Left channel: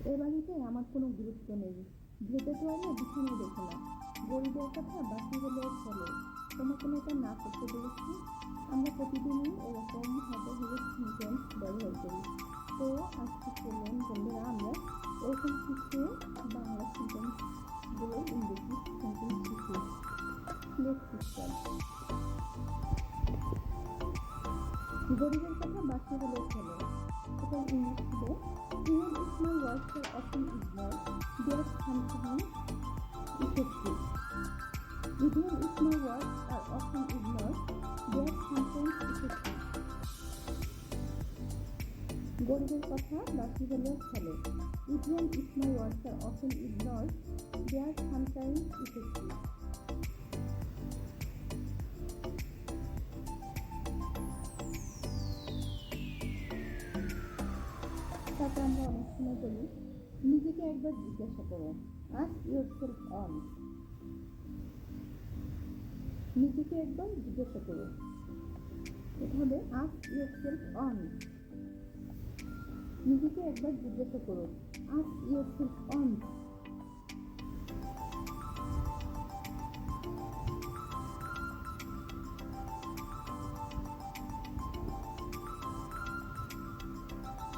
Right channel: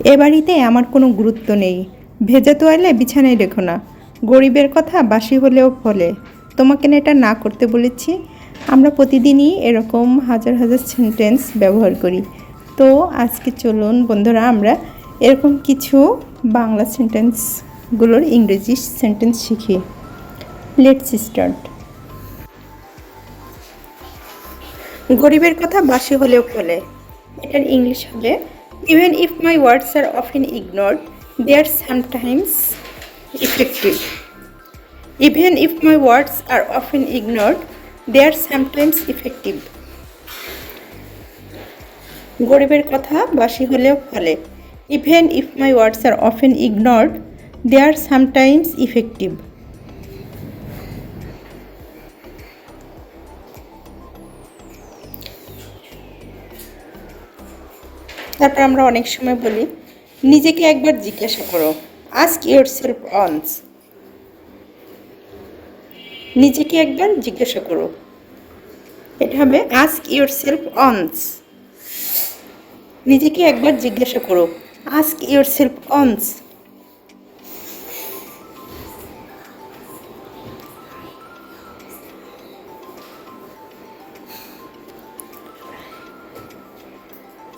এ বাড়িতে আমার কোনো গুরুত্ব নেই। ভেজা তোয়ালে বিছানায় রেখো না। গরিবের কথা বাসি হলেও ফলে। তোমাকে না এটা না করতে বলেছি। আমরা প্রতিদিনই এরকম হাজার হাজার সেন্টেন্স ব্যবহার করি। তো আজকে চলুন বন্ধুরা আমরা এরকম কিছু বাংলা সেন্টেন্সগুলোর ইংরেজি সেন্টেন্স শিখি। Let's start. গরিবের কথা বাসি হলেও ফলে। এটার ইংলিশ হবে even if my words are often ignored, they are sometimes effective. Even if my words are often ignored, they are sometimes effective. গরিবের কথা বাসি হলেও ফলে। Even if my words are often ignored, they are sometimes effective. তারপর আমরা অনেক সময় বলি নিজেকে একবার জিজ্ঞাসা করো। Ask yourself once. নিজেকে একবার জিজ্ঞাসা করো। এটা হবে আস্ক ইয়োরসেলফ অনস। নিজেকে একবার জিজ্ঞাসা করো। Ask yourself once.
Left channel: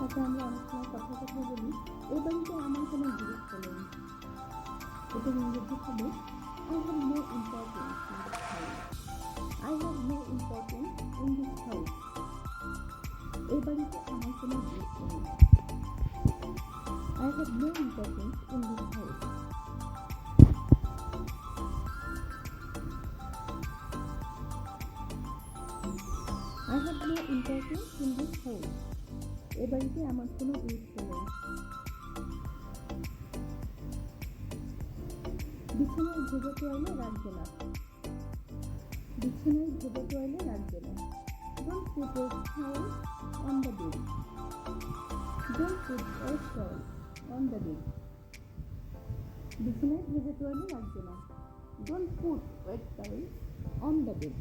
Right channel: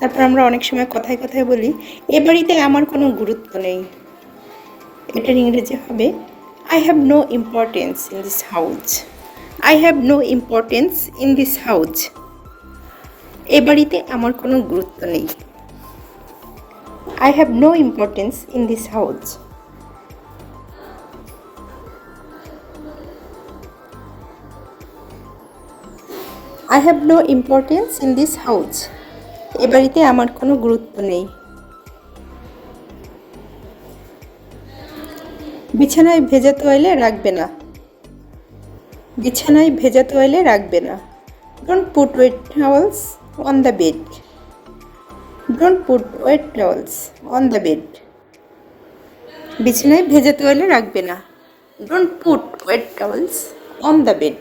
তারপর আমরা অনেক সময় কথায় কথায় বলি এ বাড়িতে আমার কোনো গুরুত্ব নেই। এটার ইংরেজি হবে I have no importance in this house. I have no importance in this house. এ বাড়িতে আমার কোনো গুরুত্ব নেই। I have no importance in this house. I have no importance in this house. এ বাড়িতে আমার কোনো গুরুত্ব নেই। বিছানায় ভেজা তোয়ালে রাখবে না। বিছানায় ভেজা তোয়ালে রাখবে না। Don't put wet towels on the bed. Don't put wet towels on the bed. বিছানায় ভেজা তোয়ালে রাখবে না। Don't put wet towels on the bed.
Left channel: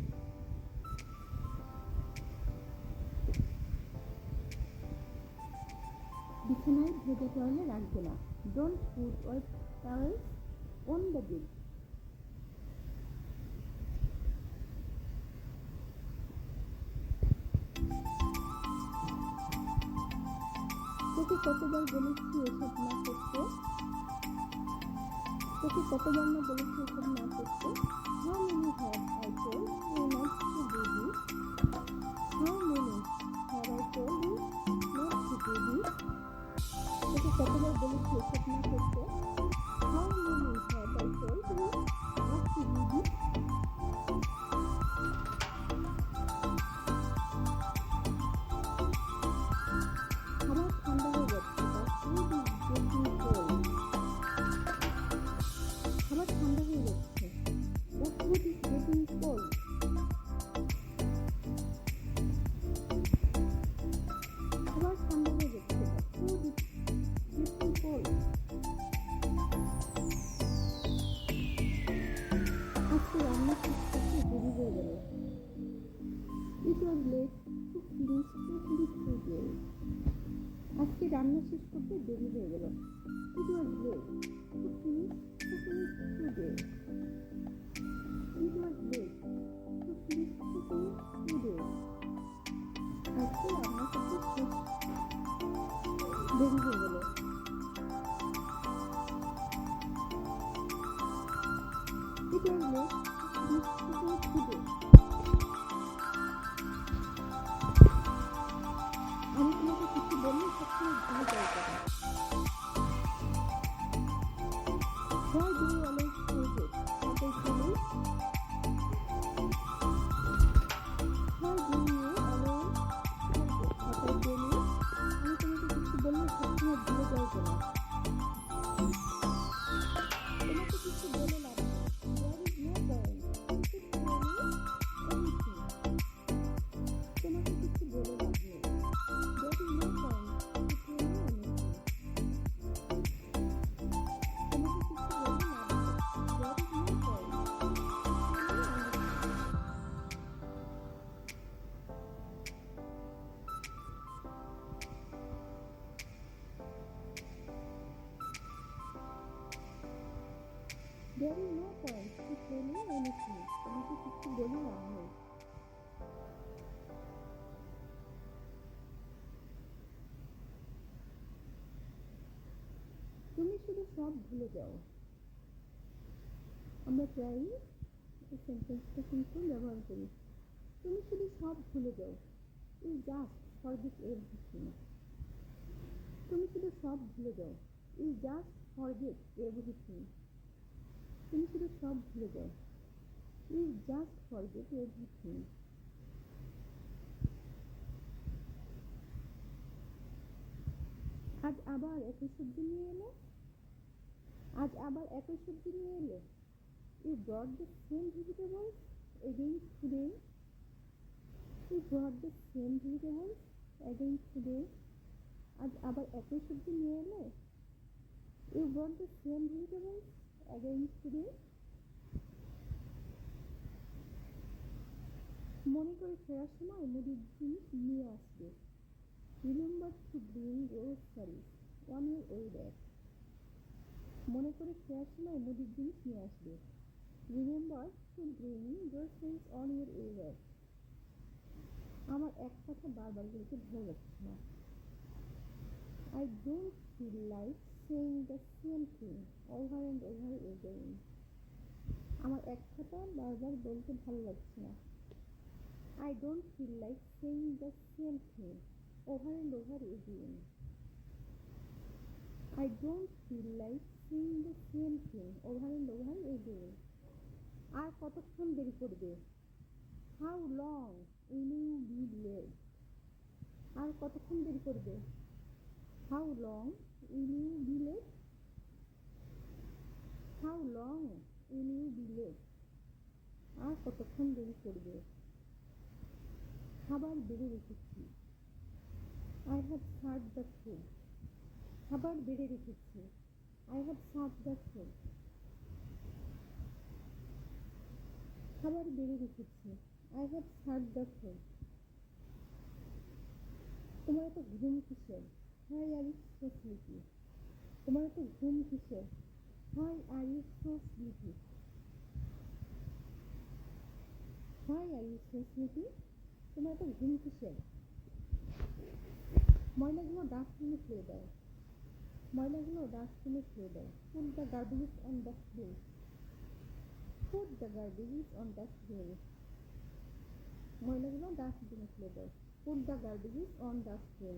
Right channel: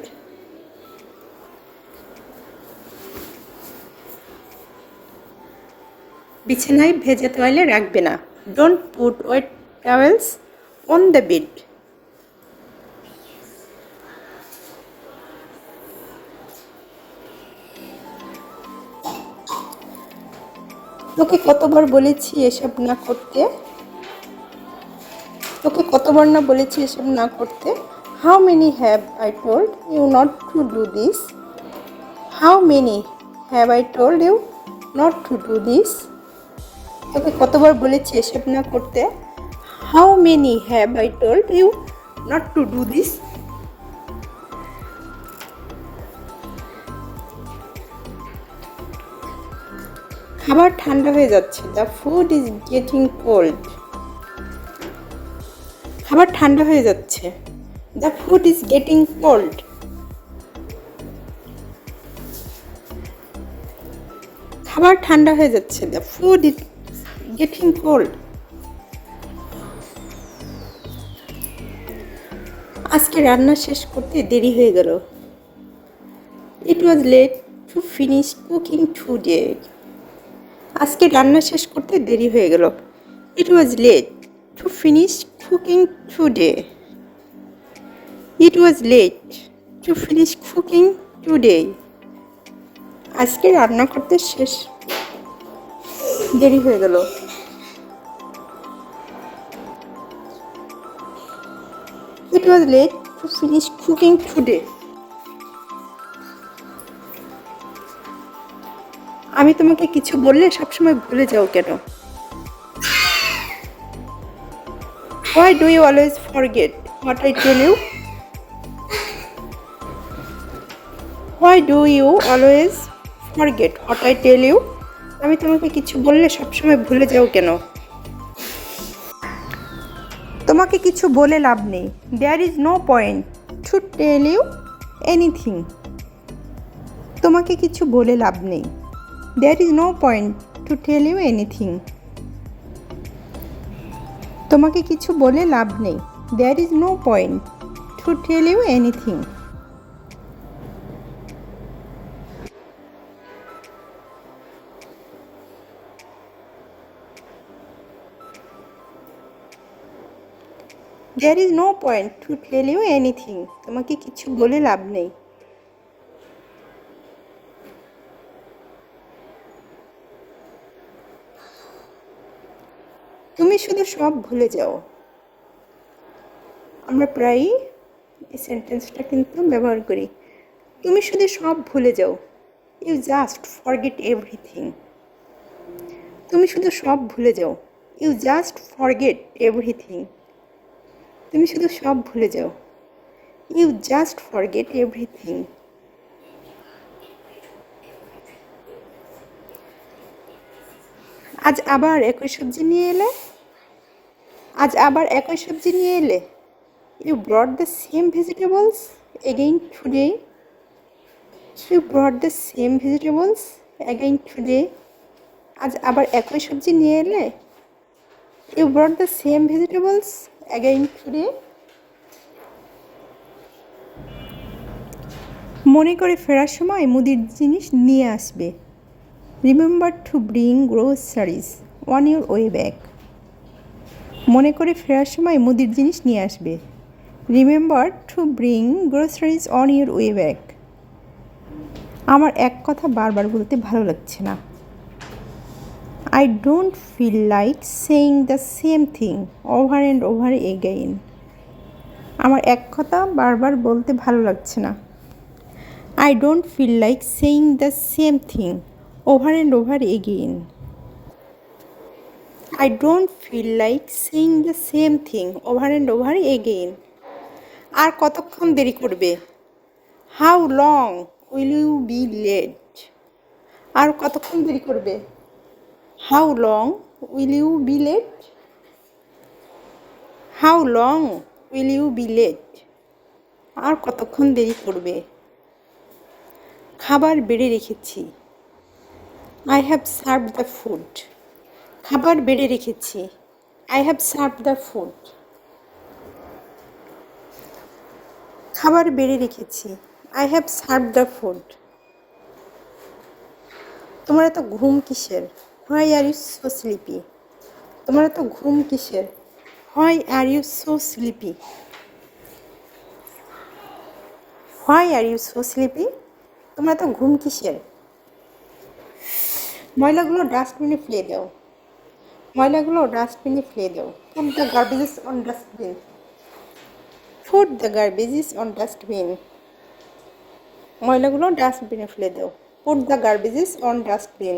বিছানায় ভেজা তোয়ালে রাখবে না। Don't put wet towels on the bed. তোকে কতবার বলেছি এসব না করতে। তোকে কতবার না বলেছি এসব না করতে। How many have I told you not to do this. How many have I told you not to do this. তোকে কতবার বলেছি এসব না করতে। How many have I told you not to do this. খাবার ঠান্ডা হয়ে যাচ্ছে। The food is getting cold. খাবার ঠান্ডা হয়ে যাচ্ছে। The food is getting cold. খাবার ঠান্ডা হয়ে যাচ্ছে। The food is getting cold. আজকে রান্না শেষ করতে দেরি হয়ে গেল। It was late to finish cooking today. আজকে রান্না শেষ করতে দেরি হয়ে গেল। It was late to finish cooking today. It was late to finish cooking today. আজকে রান্না করতে দেরি হয়ে গেল। It was late to finish cooking today. আমি তোমাকে কিছু বললে সবসময় ভুলে যাও কেন? Why do you always forget what I tell you? Why do you always forget what I tell you? আমি তোমাকে কিছু বললে সবসময় ভুলে যাও কেন? তোমাকে কিছু বলে লাভ নেই। There is no point to tell you anything. তোমাকে কিছু বলে লাভ নেই। There is no point to tell you anything. তোমাকে কিছু বলে লাভ নেই। There is no point to tell you anything. There is no point to tell you anything. তোমাকে কিছু বলে লাভ নেই। তুমি শুধু সব ভুলে যাও। আমরা প্রায়ই এই সেন্টেন্সটা কিন্তু ব্যবহার করি। তুমি শুধু সব ভুলে যাও। You just forget everything. তুমি শুধু সব ভুলে যাও। You just forget everything. তুমি শুধু সব ভুলে যাও। You just forget everything. আজ আবার একই সবজি নিয়ে এলে। আজ আবার একই সবজি নিয়ে এলে। You brought the same vegetables again today. You brought the same vegetables again today. আজ আবার একই সবজি নিয়ে এলে। You brought the same vegetables again today. মনে করে ফেরার সময় মুদির জিনিস নিয়ে আসবে। Remember to bring groceries on your way back. মনে করে ফেরার সময় মুদির জিনিস নিয়ে আসবে। Remember to bring groceries on your way back. আমার এক কথা বারবার বলতে ভালো লাগছে না। I don't feel like saying the same thing over and over again. আমার এক কথা বারবার বলতে ভালো লাগছে না। I don't feel like saying the same thing over and over again. I don't feel like saying the same thing over and over again. আর কতক্ষণ দেরি করবে? How long will you be late? আর কতক্ষণ দেরি করবে? How long will you be late? How long will you be late? আর কতক্ষণ দেরি করবে? খাবার বেড়ে রেখেছি। I have served the food. খাবার বেড়ে রেখেছি। I have served the food. খাবার বেড়ে রেখেছি। I have served the food. তোমার এত ঘুম কিসের? Why are you so sleepy? তোমার এত ঘুম কিসের? Why are you so sleepy? Why are you so sleepy? তোমার এত ঘুম কিসের? ময়লাগুলো ডাস্টবিনে ফেলে দাও। ময়লাগুলো ডাস্টবিনে ফেলে দাও। Put the garbages on dustbin. Put the garbages on dustbin. ময়লাগুলো ডাস্টবিনে ফেলে দাও। Put the garbages on dustbin.